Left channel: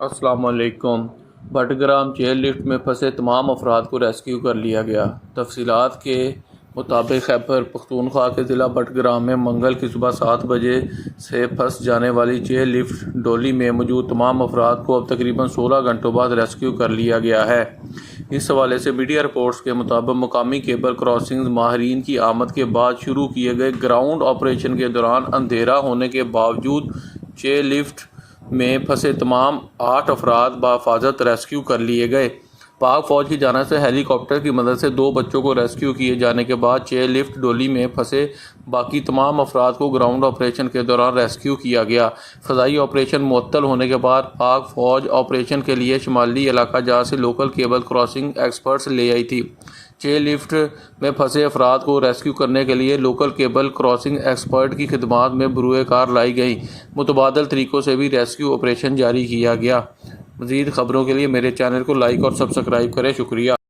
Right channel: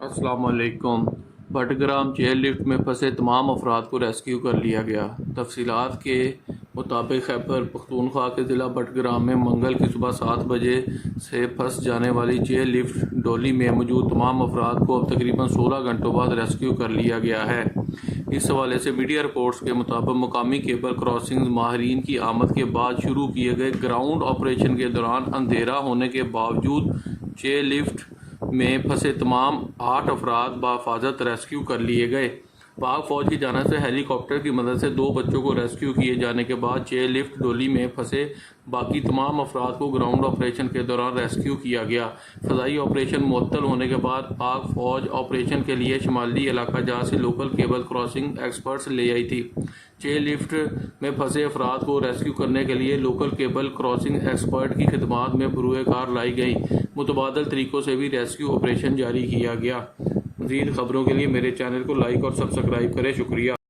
السلام علیکم۔ Battagram chair lift میں پھنسے تمام افراد کو ریسکیو کر لیا گیا۔ تفصیلات کے مطابق خیبر پختونخوا کے ضلع بٹگرام میں منگل کی صبح 7 بجے سے پھنس جانے والی چیئر لفٹ ڈولی میں موجود تمام افراد کو اب تقریباً 16 گھنٹوں بعد ریسکیو کر لیا گیا ہے۔ اس حوالے سے میڈیا رپورٹس کے مطابق مقامی کیبل کراسنگ ماہرین کی آمد کے بعد شروع کیے گئے گراؤنڈ آپریشن کے دوران اندھیرا ہونے کے باوجود چیئر لفٹ میں پھنسے تمام 8 افراد بحفاظت ریسکیو کر لیے گئے۔ پاک فوج کی جانب سے ہیلی کاپٹر کی مدد سے 2 بچوں کو ریسکیو کیے جانے کے بعد چیئر لفٹ ڈولی میں پھنسے باقی تمام افراد کو گراؤنڈ آپریشن کے دوران ریسکیو کیا گیا۔ فضائی آپریشن معطل ہونے کے بعد پاک فوج آپریشن کے لیے شمالی علاقہ جات سے لوکل کیبل کراسنگ ایکسپرٹس لے آئی تھی۔ چیئر لفٹ میں پھنسے افراد کو ریسکیو کرنے کے لیے لوکل کیبل کراسنگ ایکسپرٹ کی خدمات میں بروئے کار لائی گئیں۔ متبادل طریقوں سے بھی ریسکیو آپریشن جاری کیا گیا۔ مزید خبروں کے لیے میرے چینل کو لائک اور سبسکرائب کریں۔ شکریہ۔